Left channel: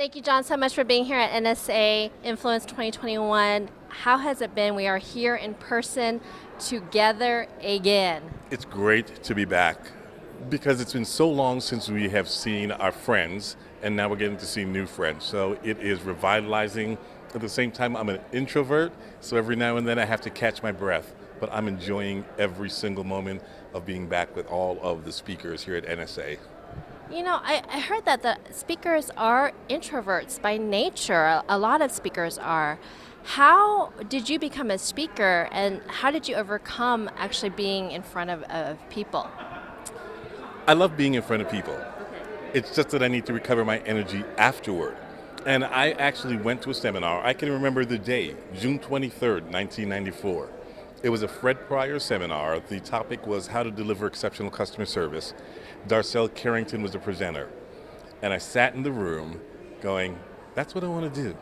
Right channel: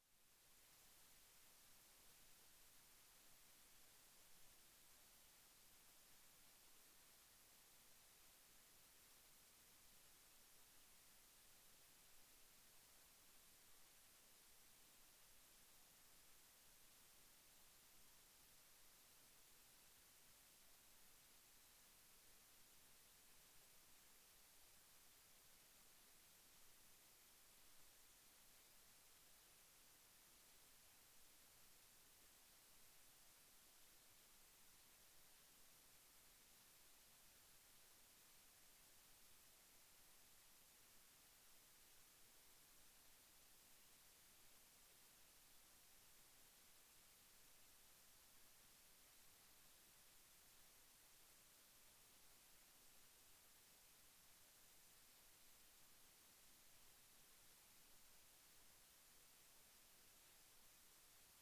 Thank you, John, so much for being here at NSA Influence 2021. How has it been? We are here in person together again. It's great to be back because it's been so long since we have seen our friends, and now we're getting to see new friends. So it is revitalizing. At the same time, I'm an introvert, so every now and then I have to catch my breath. But I'm enjoying every single moment of being back with all of the speakers here at NSA. You know, I heard that the speakers are introverts by nature. A lot of speakers are. How did you become a speaker, and how did you overcome actually being in front of people? I love being in front of people. It's just that I need to recover my energy afterward. And I actually went to a seminar. I can remember the day, June 23rd, 1994. It was a Fred Pryor seminar. The topic was how to deliver exceptional customer service. Darcel Carrington was the presenter. And I sat in the room going, that's what I want to do.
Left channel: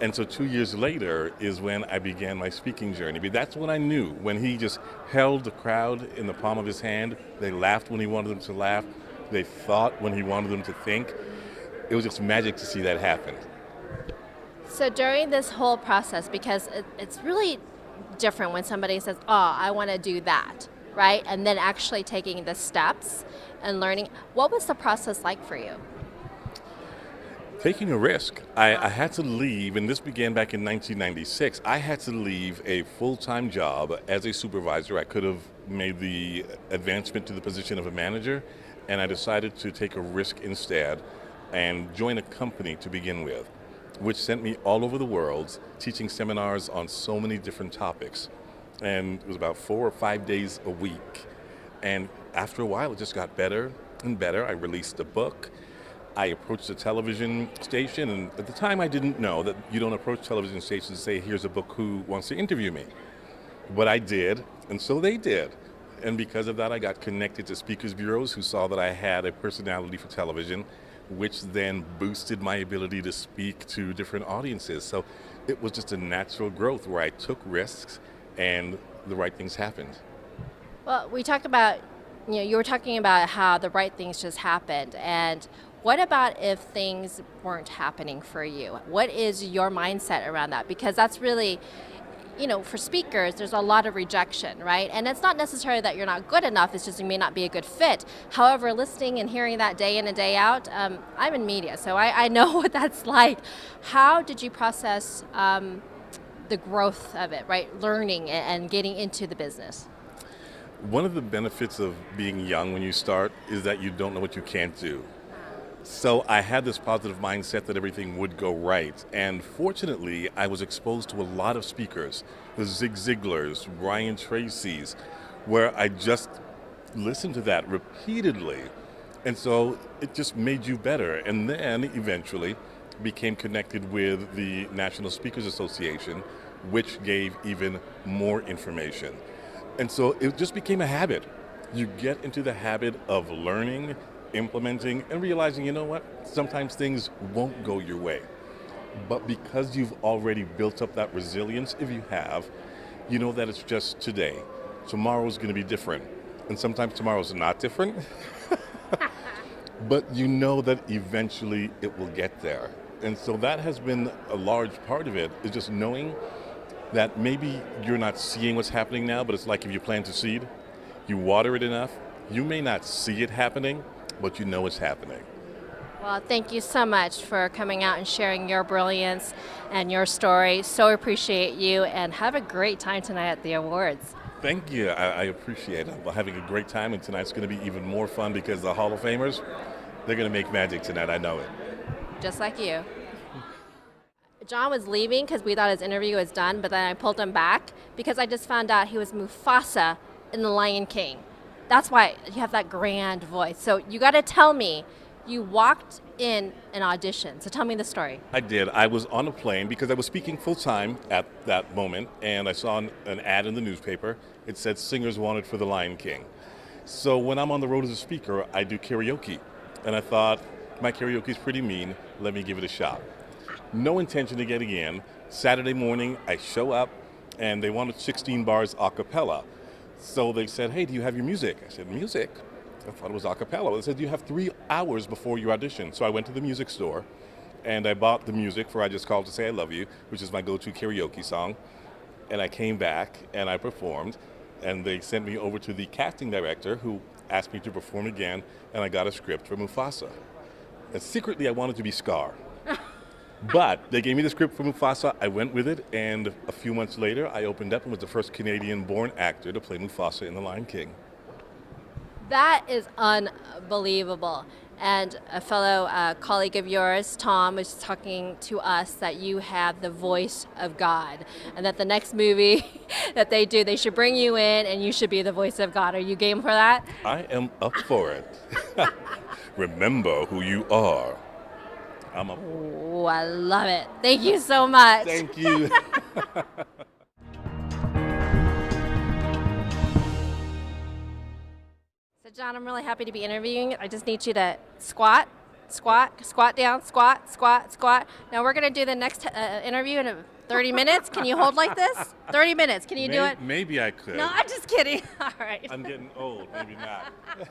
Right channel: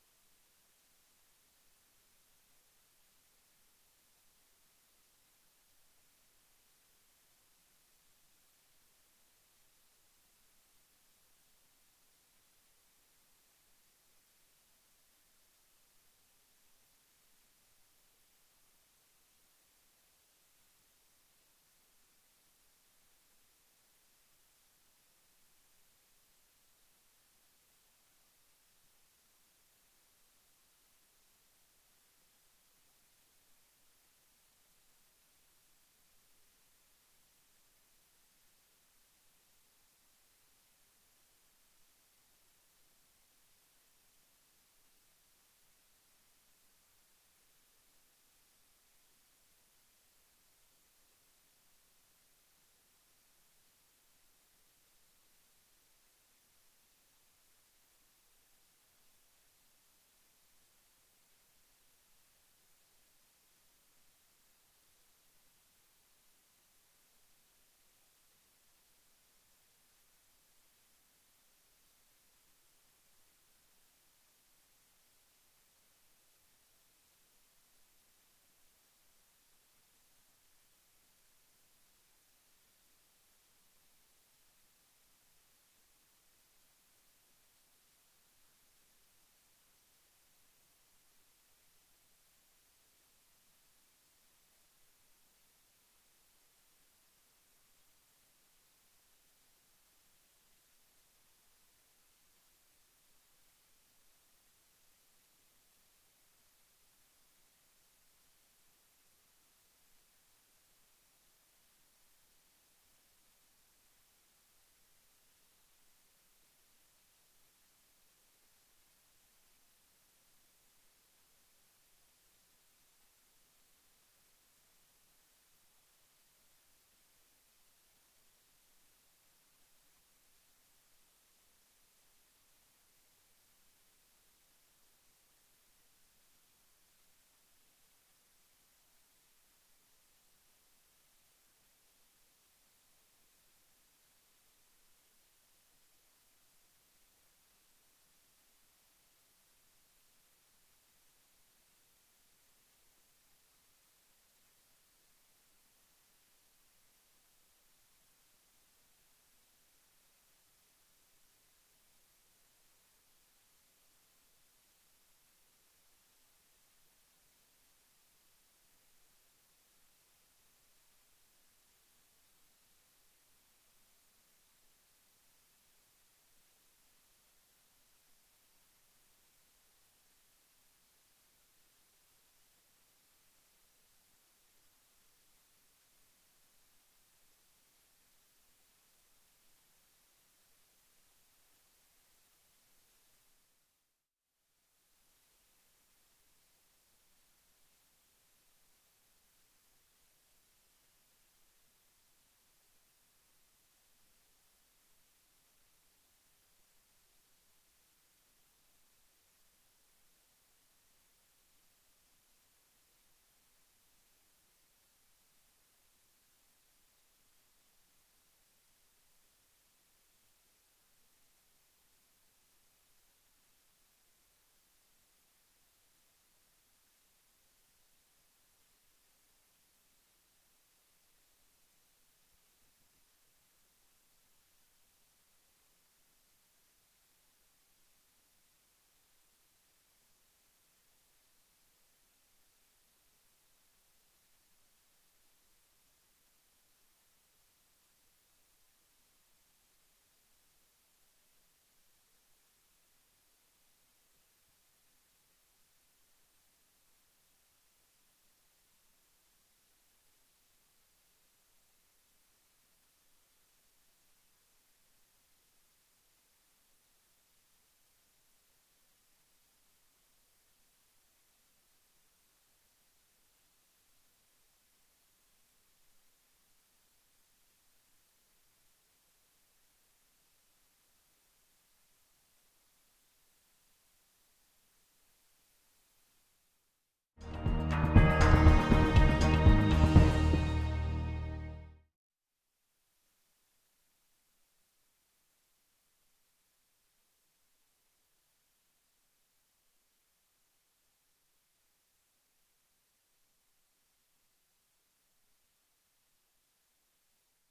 And so 2 years later is when I began my speaking journey. But that's when I knew, when he just held the crowd in the palm of his hand. They laughed when he wanted them to laugh. They thought when he wanted them to think. It was just magic to see that happen. So during this whole process, because it's really different when somebody says, "Oh, I want to do that," right? And then actually taking the steps and learning. What was the process like for you? Taking a risk. I had to leave, and this began back in 1996. I had to leave a full-time job as a supervisor. I could have made the advancement to the position of a manager, and I decided to take a risk instead and join a company to begin with, which sent me all over the world teaching seminars on so many different topics. And it was about 4 or 5 days a week. And after a while, it just got better and better. I released a book. I approached a television station, and at the time I didn't know that you don't approach television stations and say, here's a book, who wants to interview me? But I did, and so they did. And because of that, I got connected to speakers bureaus who saw that I had a personality for television, which then boosted my ability to speak to different audiences. So it was just a natural growth where I took risks and the right things happened. Well, we talked about, you were talking about how the right things just happened. And what about if things weren't happening for you? What is your mindset around that? Because that's really, for speakers, there's a lot of rejection, right? And it's not necessarily that you're not good enough, it's just you may not be a good fit. However, listening and hearing that day in and day out, I'm in media, so I know what that's like. How did you process the growth of it, right? Learning and getting into the business. One of the benefits of being young when you start is that you don't know what you can't do. So I had this positive mindset that everything would go right. And fortunately, I was exposed to a lot of speakers, the Zig Ziglars, Brian Tracy's, where I just listened to that repeatedly. And so it just made you better. And then eventually became connected with the National Speakers Association, which gave even more information. And so it just became a habit. You get into the habit of learning, implementing, and realizing, you know what, sometimes things won't go your way. But because you've already built up that resilience, if you have, you know that it's just today. Tomorrow's going to be different. And sometimes tomorrow's not different. But you know that eventually it will get there. And so that has been a large part of it, is just knowing that maybe you're not seeing what's happening now, but it's like if you plant a seed, you water it enough, you may not see it happening, but you know it's happening. Well, thank you so much for coming out and sharing your brilliance and your story. So appreciate you, and have a great time tonight at the awards. Thank you. I appreciate it. I'm having a great time, and tonight's going to be even more fun because the Hall of Famers, they're going to make magic tonight. I know it. Just like you. John was leaving because we thought his interview was done, but then I pulled him back because I just found out he was Mufasa in The Lion King. That's why you have that grand voice. So you got to tell me, you walked in an audition. So tell me the story. I did. I was on a plane because I was speaking full time at that moment, and I saw an ad in the newspaper. It said singers wanted for The Lion King. So when I'm on the road as a speaker, I do karaoke. And I thought, my karaoke is pretty mean. Let me give it a shot. No intention of getting in. Saturday morning, I show up, and they wanted 16 bars a cappella. So they said, hey, do you have your music? I said, music? I thought it was a cappella. They said, you have 3 hours before your audition. So I went to the music store, and I bought the music for I Just Called to Say I Love You, which is my go-to karaoke song. And I came back and I performed, and they sent me over to the casting director who asked me to perform again, and I got a script for Mufasa. And secretly I wanted to be Scar. But they gave me the script for Mufasa, I went with it, and a few months later I opened up and was the first Canadian-born actor to play Mufasa in The Lion King. That is unbelievable. And a fellow colleague of yours, Tom, was talking to us that you have the voice of God, and that the next movie that they do, they should bring you in and you should be the voice of God. Are you game for that? I am up for it. Remember who you are. I'm up. Oh, I love it. Thank you so much. Thank you. So, John, I'm really happy to be interviewing. I just need you to squat, squat, squat down, squat, squat, squat. Now we're going to do the next interview in 30 minutes. Can you hold like this? 30 minutes. Can you do it? Maybe I could. No, I'm just kidding. All right. I'm getting old. Maybe not.